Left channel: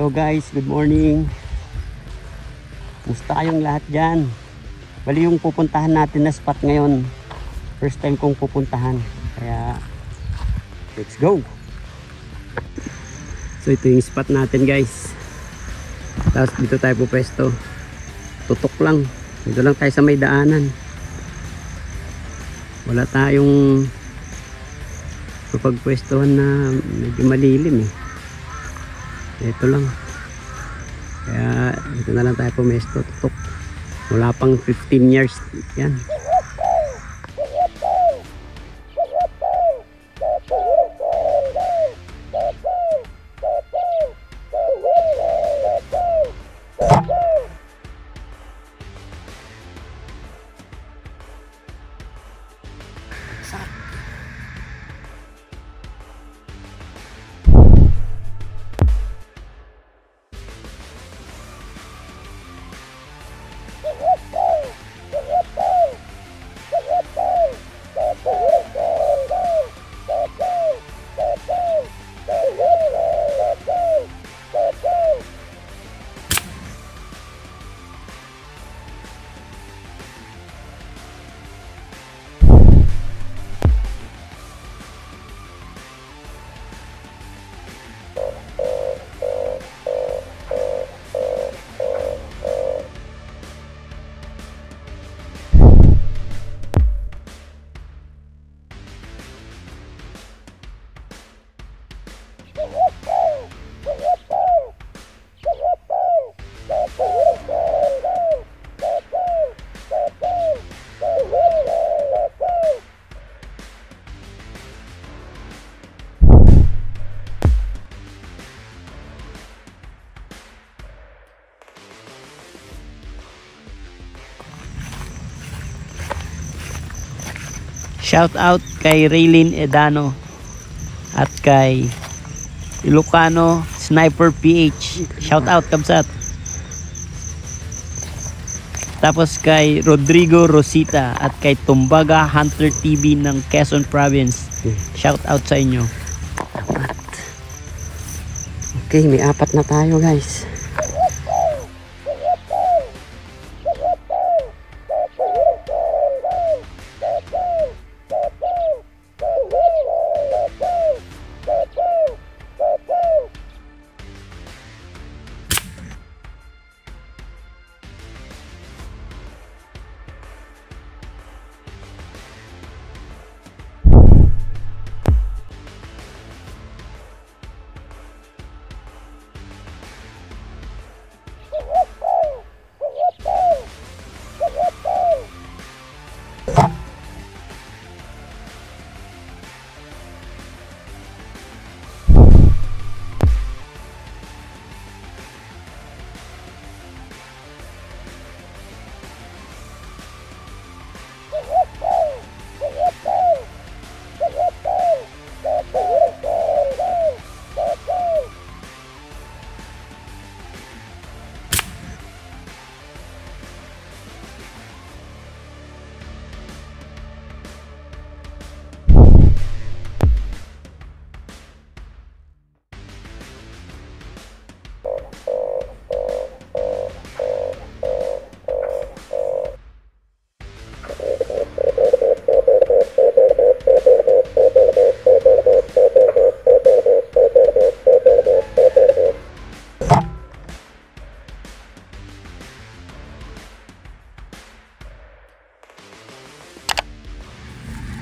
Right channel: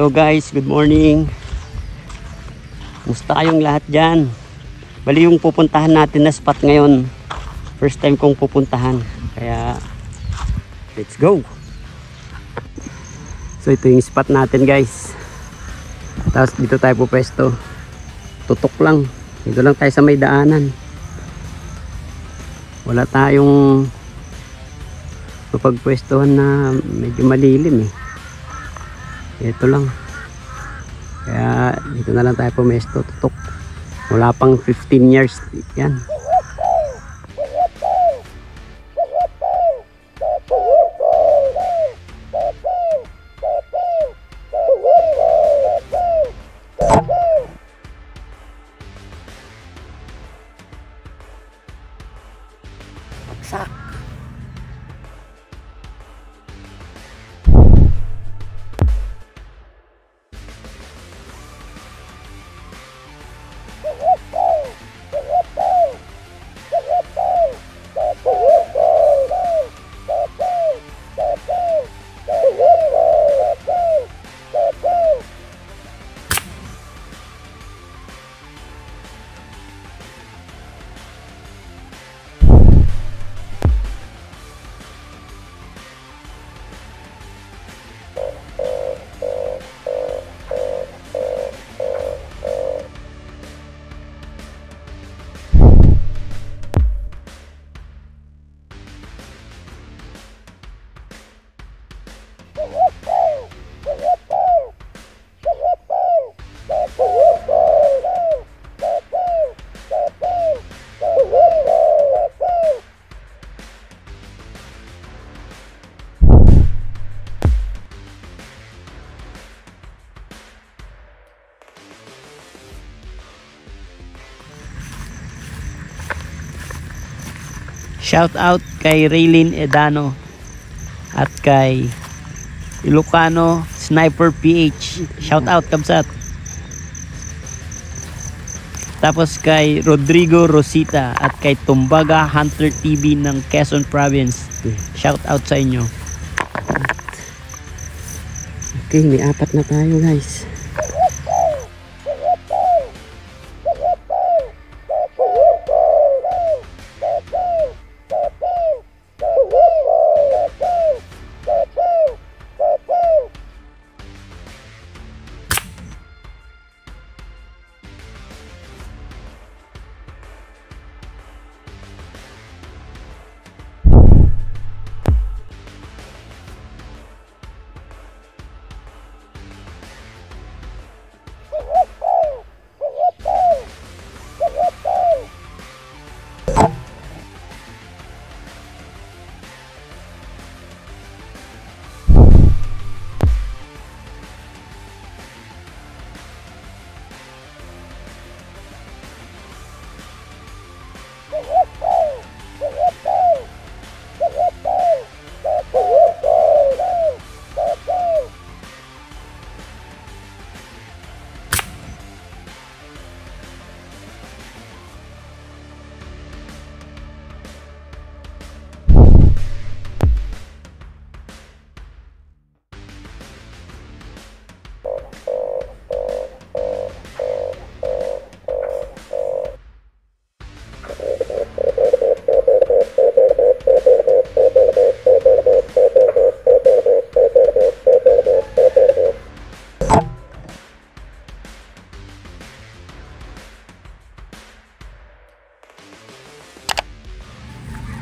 Hello guys, good morning. Kumusta kayong lahat dyan? Bali yung pupuntahan natin na spot ngayon, first time kong pupuntahan, kaya let's go. So ito yung spot natin guys. Tapos dito tayo pupwesto. Tutok lang. Dito lang tayo sa may daanan. Wala tayong mapagpwestuhan na medyo malilim eh. Ito lang. Kaya dito na lang tayo pumesto. Tutok. Wala pang 15 years. Yan. Sak. Shout out kay Raylin Edano at kay Ilocano Sniper PH. Shout out kabsat. Tapos kay Rodrigo Rosita at kay Tumbaga Hunter TV ng Quezon Province. Shout out sa inyo. Okay, may 4 na tayo guys.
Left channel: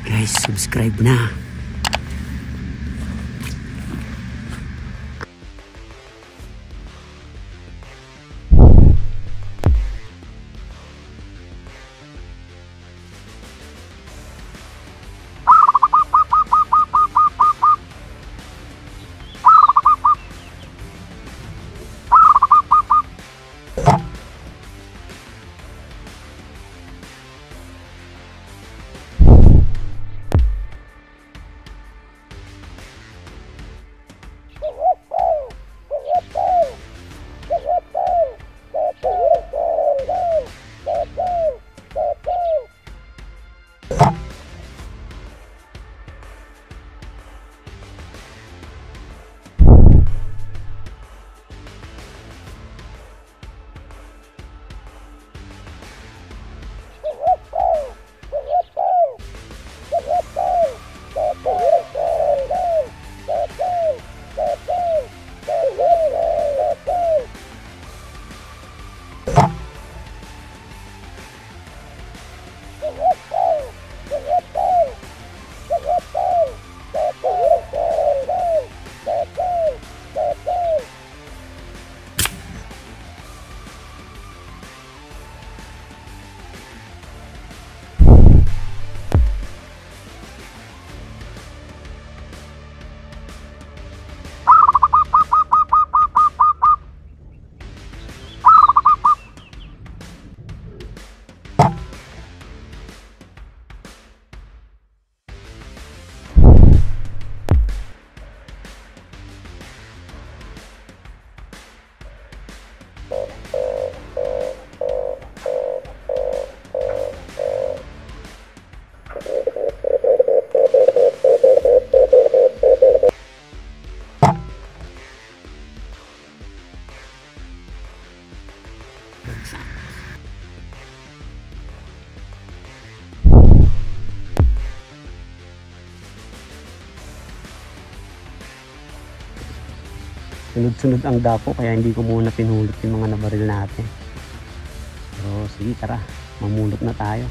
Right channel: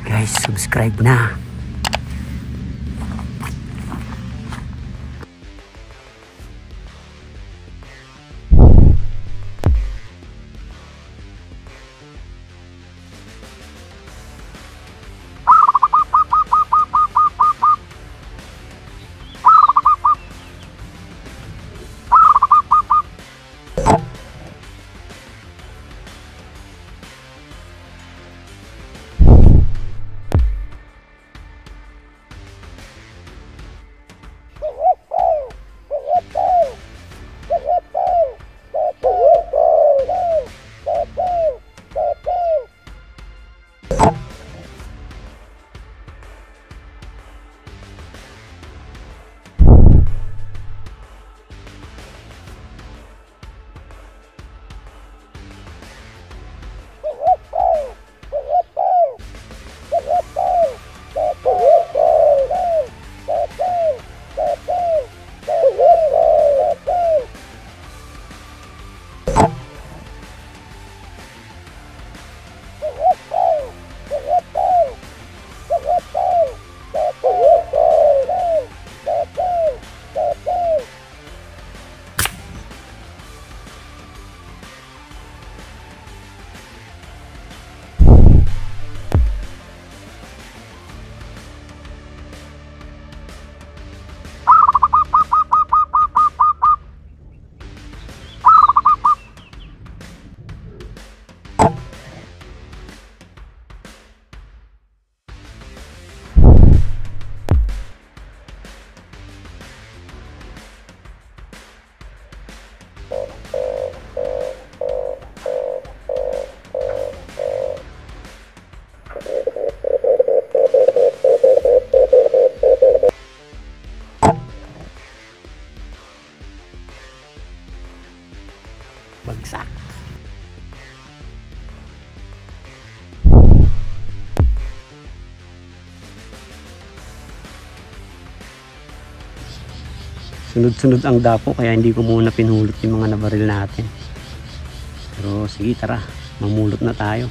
Guys, subscribe na. Bagsak. Sunod-sunod ang dapo kaya hindi ko muna pinulot yung mga nabaril natin. Pero sige, tara, mamulot na tayo.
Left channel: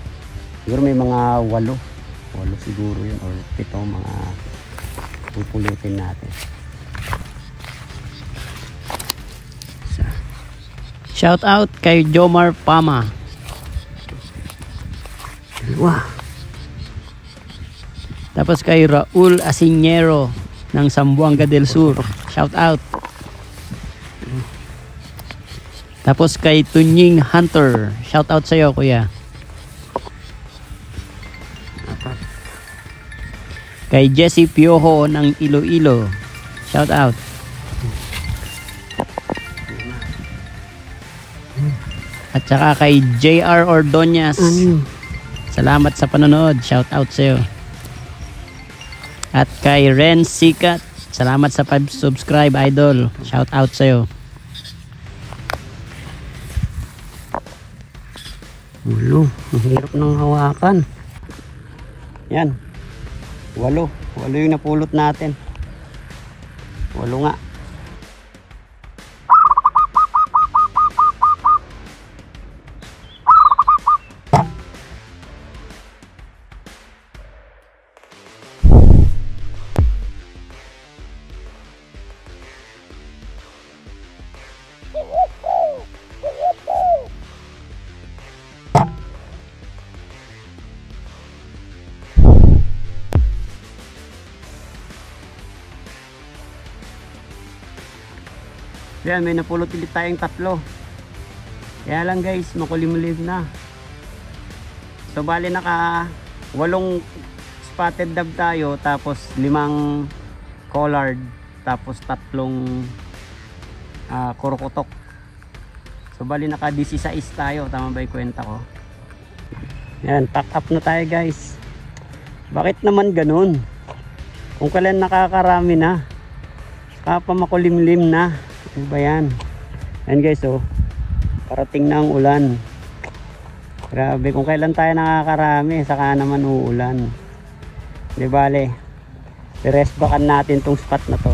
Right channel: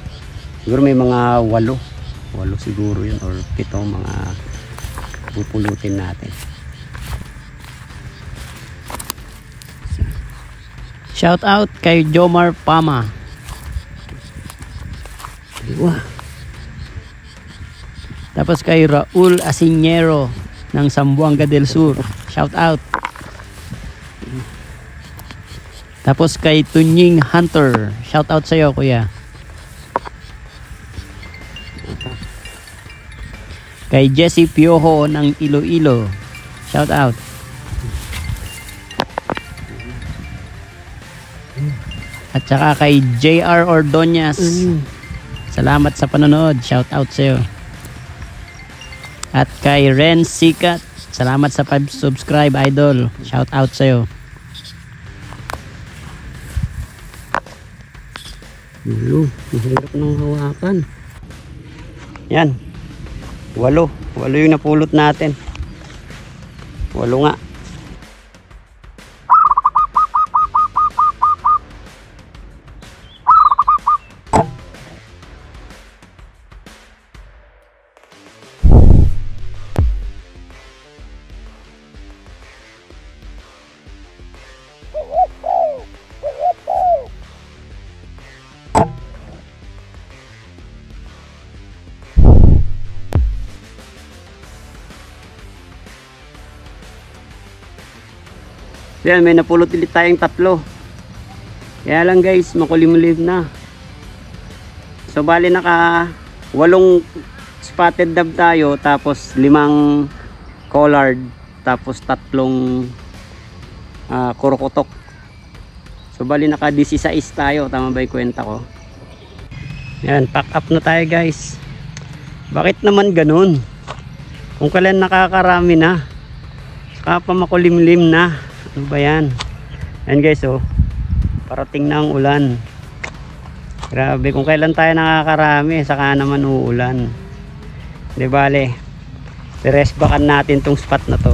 Siguro may mga 8 siguro yun or 7 mga pupulutin natin. Shout out kay Jomar Pama. Wow. Tapos kay Raul Asiñero ng Zamboanga del Sur. Shout out. Tapos kay Tunying Hunter. Shout out sa'yo, kuya. Kay Jesse Piojo ng Iloilo. Shout out. At saka kay JR Ordonez. Salamat sa panonood. Shout out sa'yo. At kay Ren Sikat. Salamat sa subscribe, idol. Shout out sa'yo. Ulo, ang hirap ng hawakan. Yan. 8 yung napulot natin. 8 nga. Yan, may napulot ulit tayong 3. Kaya lang guys, makulimlim na. So bali naka 8 spotted dove tayo, tapos 5 collard, tapos 3 kurokotok. So bali naka 16 tayo, tama ba yung kwenta ko? Yan, pack up na tayo guys. Bakit naman ganun? Kung kailan nakakarami na, saka pa makulimlim na. Ano ba yan? Yan guys, oh, parating na ang ulan. Grabe, kung kailan tayo nakakarami, saka naman uulan. Di bale, i-rest backan natin tong spot na to.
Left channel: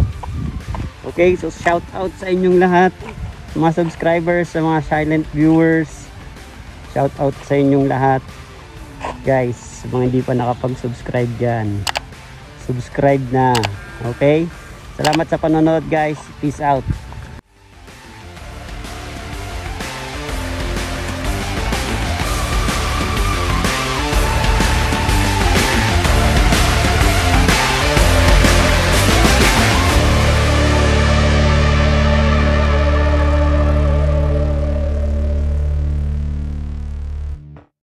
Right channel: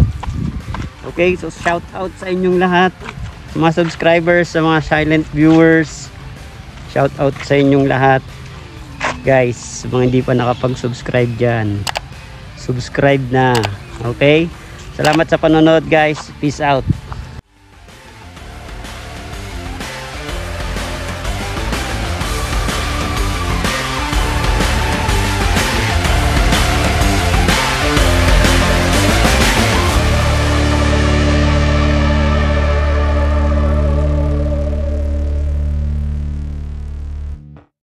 Okay, so shout out sa inyong lahat, sa mga subscribers, sa mga silent viewers. Shout out sa inyong lahat guys. Sa mga hindi pa nakapag-subscribe dyan, subscribe na. Okay, salamat sa panonood guys. Peace out.